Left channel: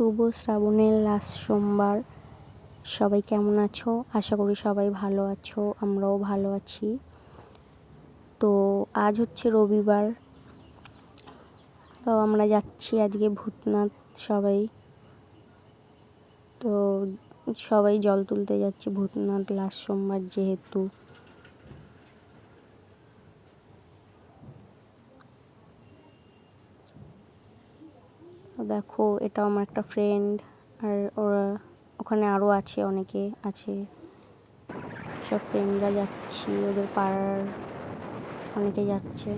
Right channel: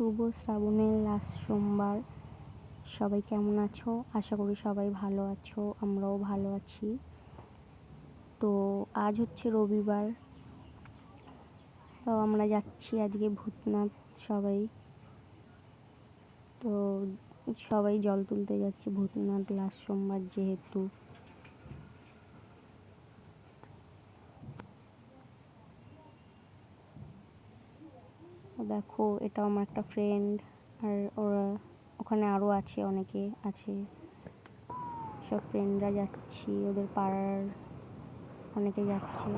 শুভ শ্রাবণের লাস্ট সোমবার। সবাই কেমন আছো? আশা করি সবাই ভালো আছো, আমরাও ভালো আছি। তো আজ হচ্ছে রবিবার, তো আমরা যাচ্ছি আজকে ভূতনাথ। সবাই জল তুলতে যাচ্ছে ভূতনাথ লাস্ট সোমবার যেহেতু। দেখো, এটা আমার একটা ফ্রেন্ড, আর ওরা ওখানে আরও আছে, অনেকে আছে, সব ফ্রেন্ডরা যাচ্ছি, ওদের পাড়ার অনেকে যাচ্ছে।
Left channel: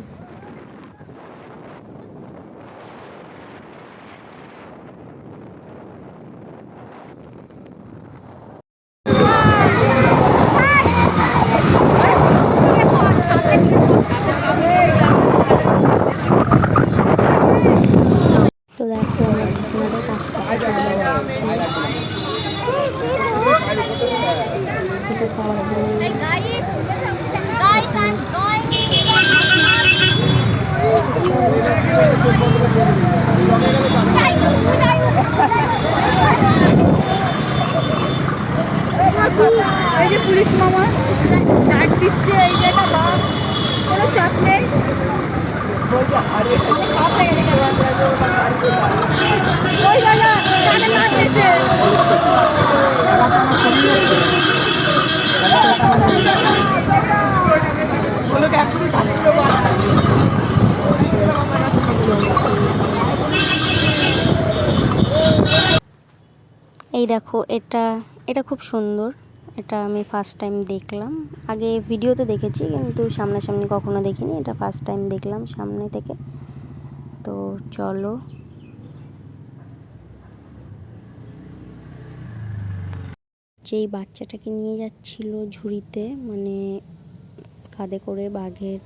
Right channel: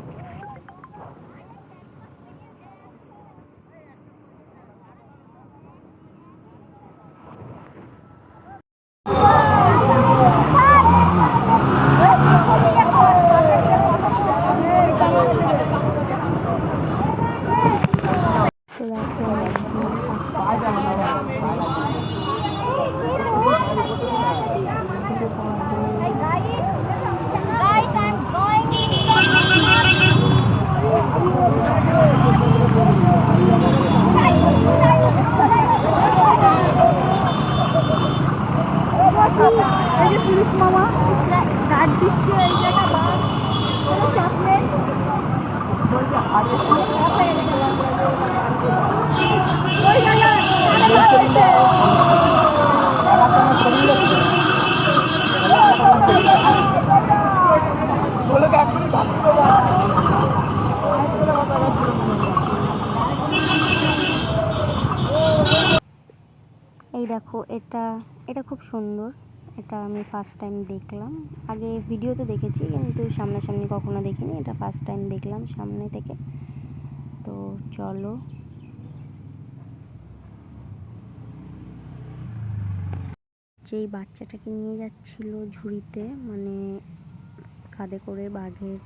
তো দেখো, এই যে পুলিশ মামা ডাক দিচ্ছে, এই যে একটা বাস, কোনো চাপ নেই। এই দেখো, এটা এটা খুব সুন্দর। এটা আমি ফার্স্ট টাইম দেখলাম, আগে ভিডিওতে দেখেছি কিন্তু সামনাসামনি কখনো দেখিনি, এটা ফার্স্ট টাইম দেখলাম সামনে থেকে। তো চলো, যেই বাচ্চাটাকে নিয়ে যাচ্ছিল ঝুড়িতে, মানে কাঁধে করে বাঘের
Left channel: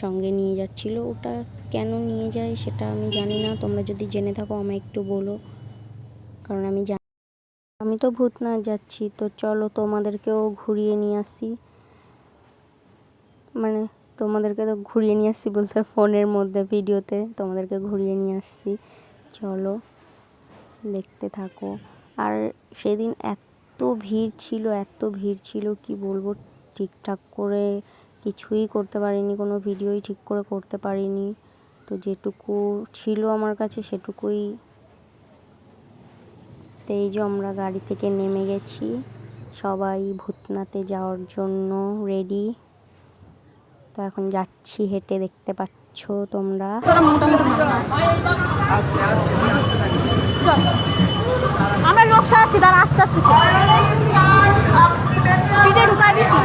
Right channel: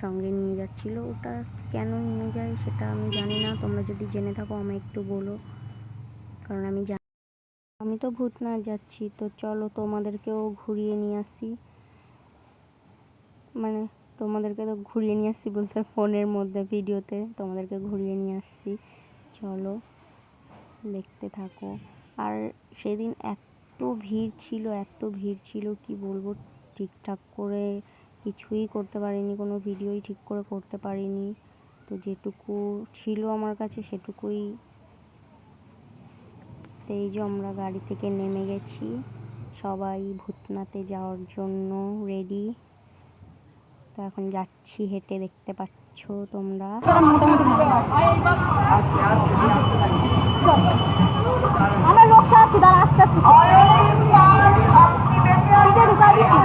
সঙ্গে নিয়ে যাচ্ছিল, ওটা কেন নিয়ে যায় সেটা আমি জানি না। তোমরা যদি জেনে থাকো আমায় একটু বলো, কারণ আমি তো ভূতনাথ যাচ্ছি। তো চলো, তোমাদেরকেও ঘুরিয়ে নিয়ে আসি, মানে তোমাদেরকে তো ঘুরিয়ে নিয়ে আসছি বলতে ফোনের মধ্যে ভিডিওতে তোমাদেরকে ঘুরিয়ে নিয়ে আসছি। চলো, দেখতে থাকো। আর সেদিন এত ভিড় ছিল কি বলবো, ঠিকঠাক করে কিছুই করতে পারিনি, কোনো ভিডিওই ঠিক করে করতে পারিনি। তো যেটুকু ছিল আমার কাছে সেটুকুই। তো এই যে আমরা গাড়ি থেকে নেমে গেছি, সবাই ভূতনাথে যাওয়ার জন্য রেডি। তো এখন যাচ্ছি হেঁটে, দেখতে পাচ্ছ তোমরা। মোটামুটি আমরা লোক সারাচ্ছি, তার আস্তে আস্তে পিঠে ঢুকাই দিচ্ছি।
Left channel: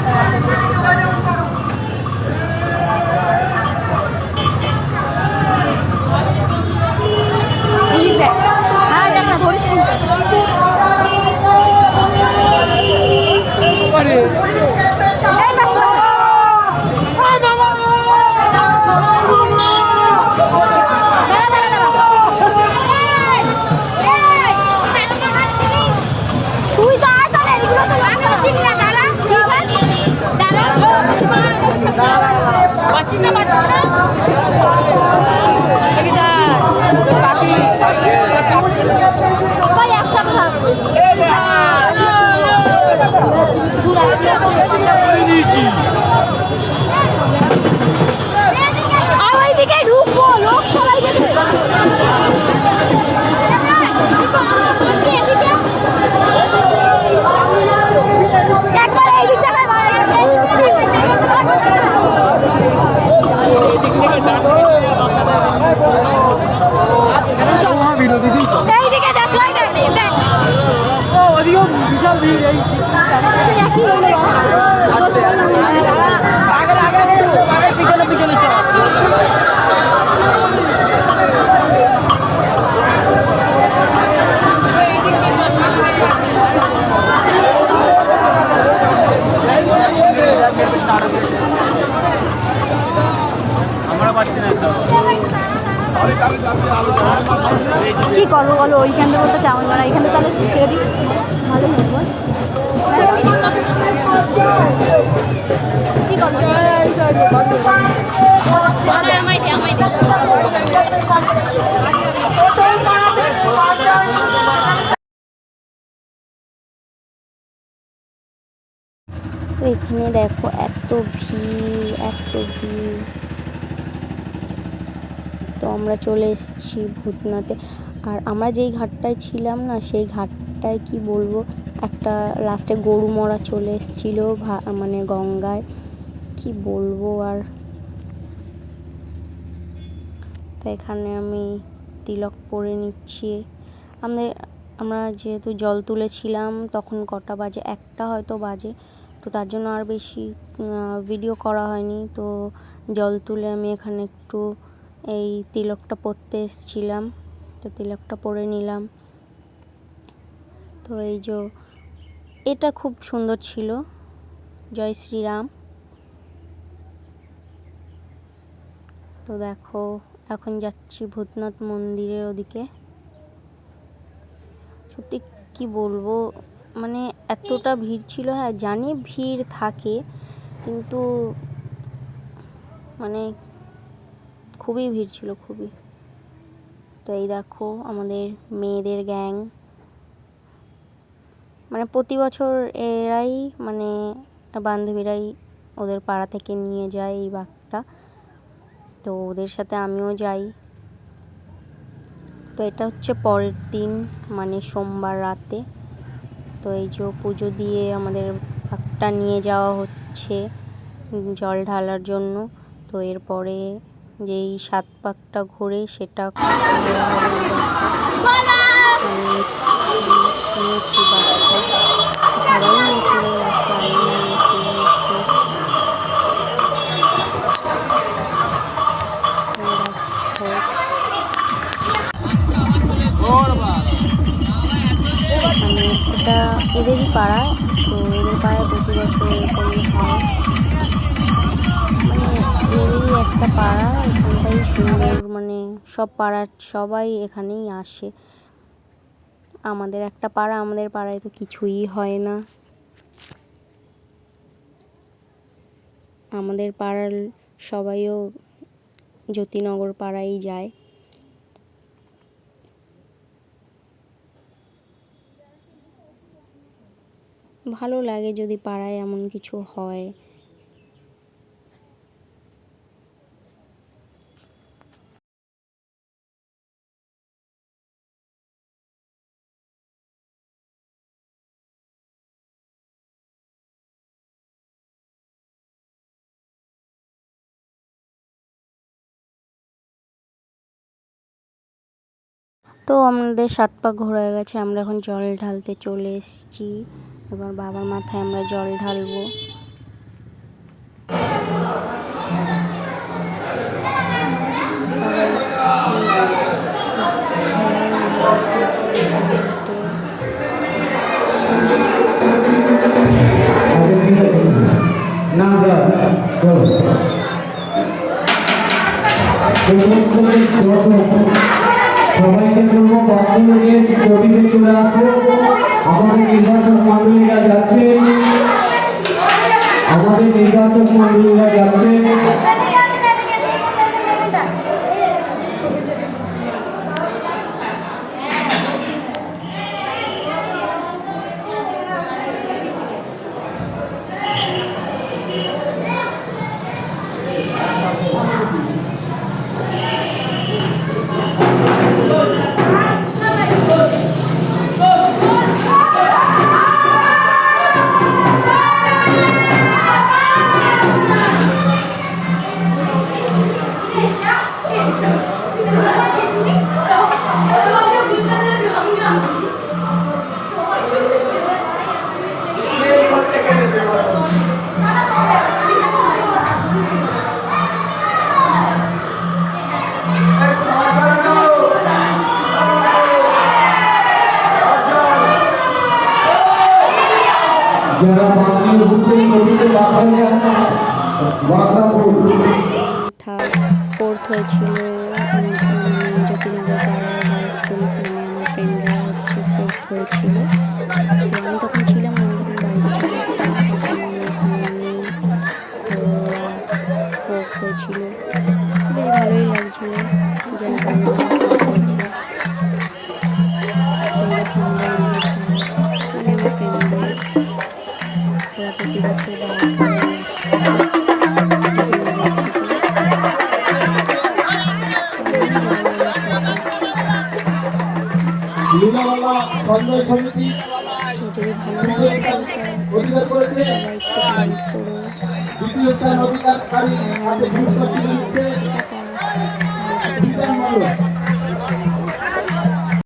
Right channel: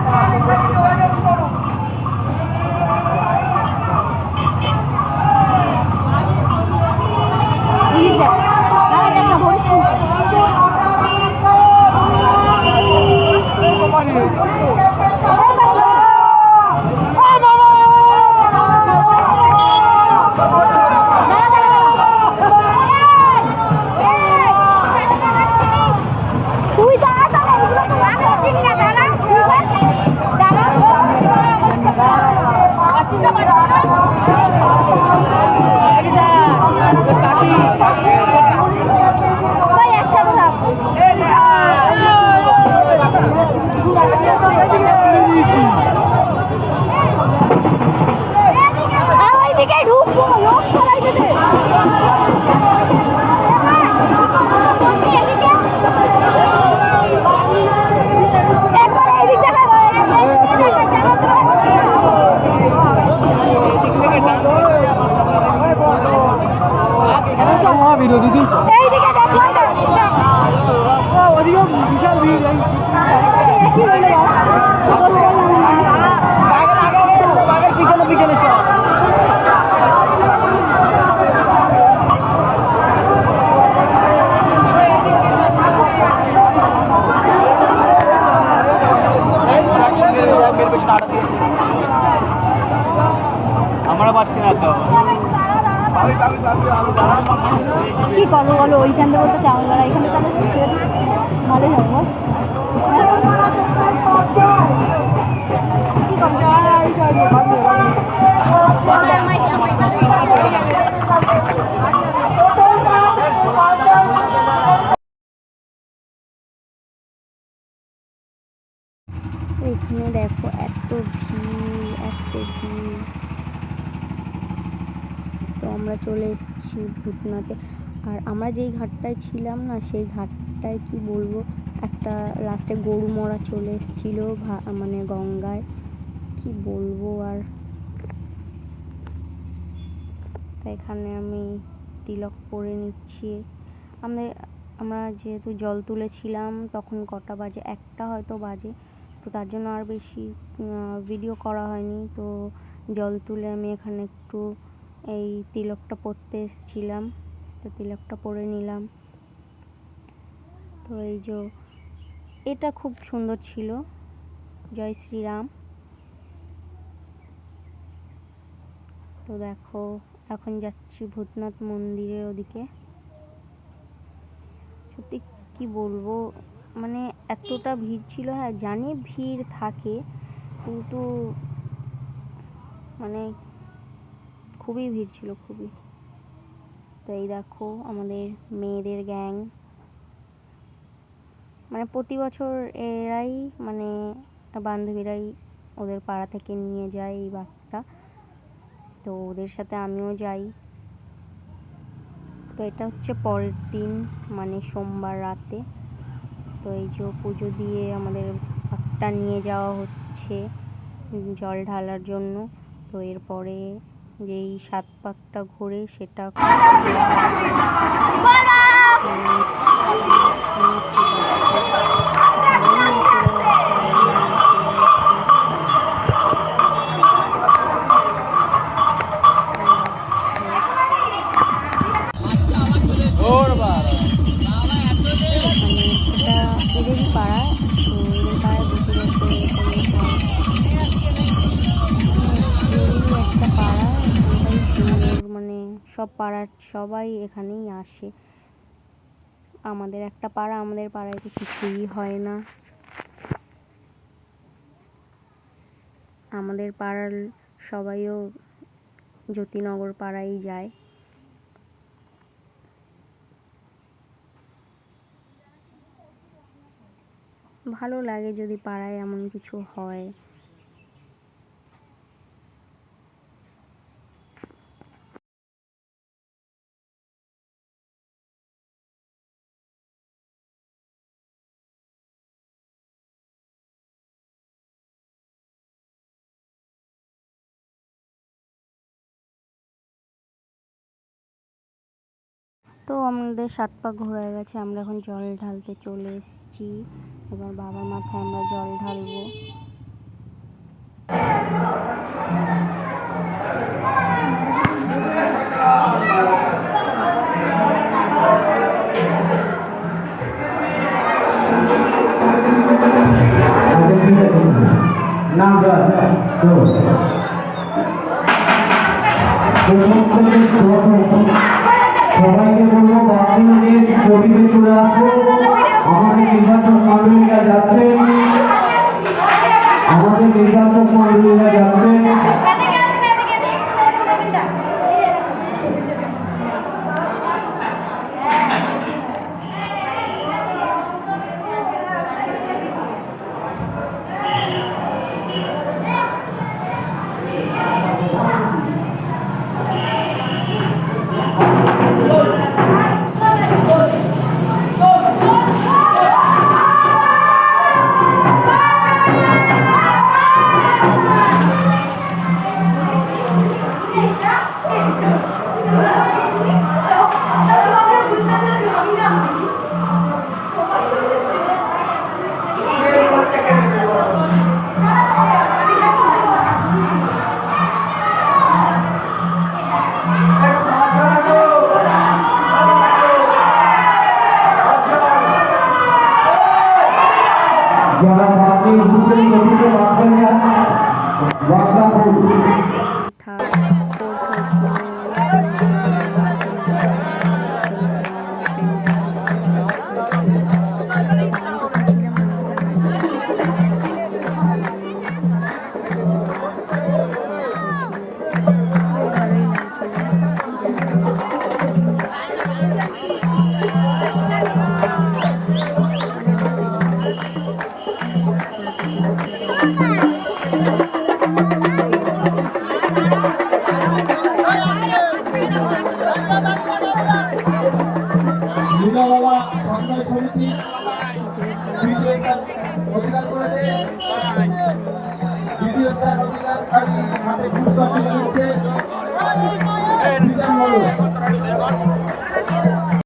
ঢুকবো লোক সবাই দেখে। এইদিকে যাচ্ছে বিশাল ভিড়, সে একই হইলো দোষ বললাম পিছনে পিছনে চল। আমরা পাচ্ছি না তো, কি করবো বলো? ওইখান থেকে বলতে চাউল বাড়া, এখানে তো ছেড়ে দিই, ভালোই হবে বল। কি করবো? আমায় ভিড়, এত ভিড়। তো আমরা চলে এসেছি ভূতনাথে। আর আমরা যেই ঘাটটায় ছিলাম না, সেই ঘাটটায় কি বলবো, একটা লাস্টে গরু মরা চলে এসেছিলো মানে গঙ্গায়, কি বলবো আর। তো এখানে আমি তিলক পরে নিচ্ছি। আমরা যেহেতু জল তুলেছিলাম, তখন কটা বাজে, 1টা হয়তো বাজে, তো তার জন্য আর বেশি ভিডিও করা হয়নি। তো জল তুলে আমি এখানে একটু এই তিলকটা পরতে এসেছিলাম, তো তিলকটা পরে নিলাম। তো এই যে এটা খুব সুন্দর ছিল, জয় শ্রীরাম। তো দেখো এখন যাচ্ছি ভূতনাথ মন্দিরের ওদিকে। সত্যি কি বলবো, মানে এতটা ভিড় ছিল। হ্যাঁ জানি ভিড় থাকে, কিন্তু মানে খুবই ভিড় ছিল, খুবই। তো এই দেখো আমাদের মেয়েদের গ্যাং, মানে প্রতি বছর এরাই, মানে বান্ধবীরাই ওদের পাড়া থেকে নিয়ে যায় এই বাঘটা, তো ওদের সাথে আমিও যাই। তো এটা হচ্ছে পরের দিন, মানে সোমবার রাতে। তো এই যে পুজো দিয়ে আমাদের বাঘটা নিয়ে যাওয়া হচ্ছে জল ঢালার জন্য। তো এরপরে যেই 7 পাকটা ঘোরে সেটা এটা এদেরই পাড়া। তো এদের পাড়ায় প্রতি বছর এরকমই হয়, মানে এদেরই একটা পাড়া, এখানটাই সুন্দর, মানে সব পাড়ার সবাই এখানেই আসে। আমাদের একটা পাড়া, আমাদের পাড়ায় তো কিছুই হয় না। আমাদের পাড়ার সবাইও জ্যোতিনগর পাড়ায় যায়। ভালো লাগে যদি পাড়ায় এমন কিছু হয়। তো আমাদের 7 পাক ঘোরা হয়ে গেছে, আমরা এখন জল ঢালতে চলে এসেছি। এবার বাবার মাথায় আমরা জল ঢালবো। সবাইকে বলবো বাথরুমের গতিতে চলে আসবো। আমাদের নির্বাচন মন্ডলীরা যাচ্ছে, আমাদের নির্বাচন মন্ডলীরা যাচ্ছে। যারা বাকি উঠতে গতিতে বাসা থার্ড ফোর্থ হয়েছিল যতীন্দ্র পাড়ার স্কুল থেকে, আমার ফ্রেন্ডরা হচ্ছে ফোর্থ হয়েছিল। তো আমি তখন ছিলাম না, আমি তখন বাড়িতে চলে ফোর্থ হয়েছিল। বেশ ভালোই লাগছিল যারা ফোর্থ হয়েছে, মানে আমার ফ্রেন্ডদের, ওরা প্রতি বছর সমন্বয় সমিতি তৃতীয় স্থান অধিকার করেছে। দ্বিতীয় স্থান অধিকারকারী হাতে পুরস্কার তুলে দিচ্ছে বিধান মণ্ডল।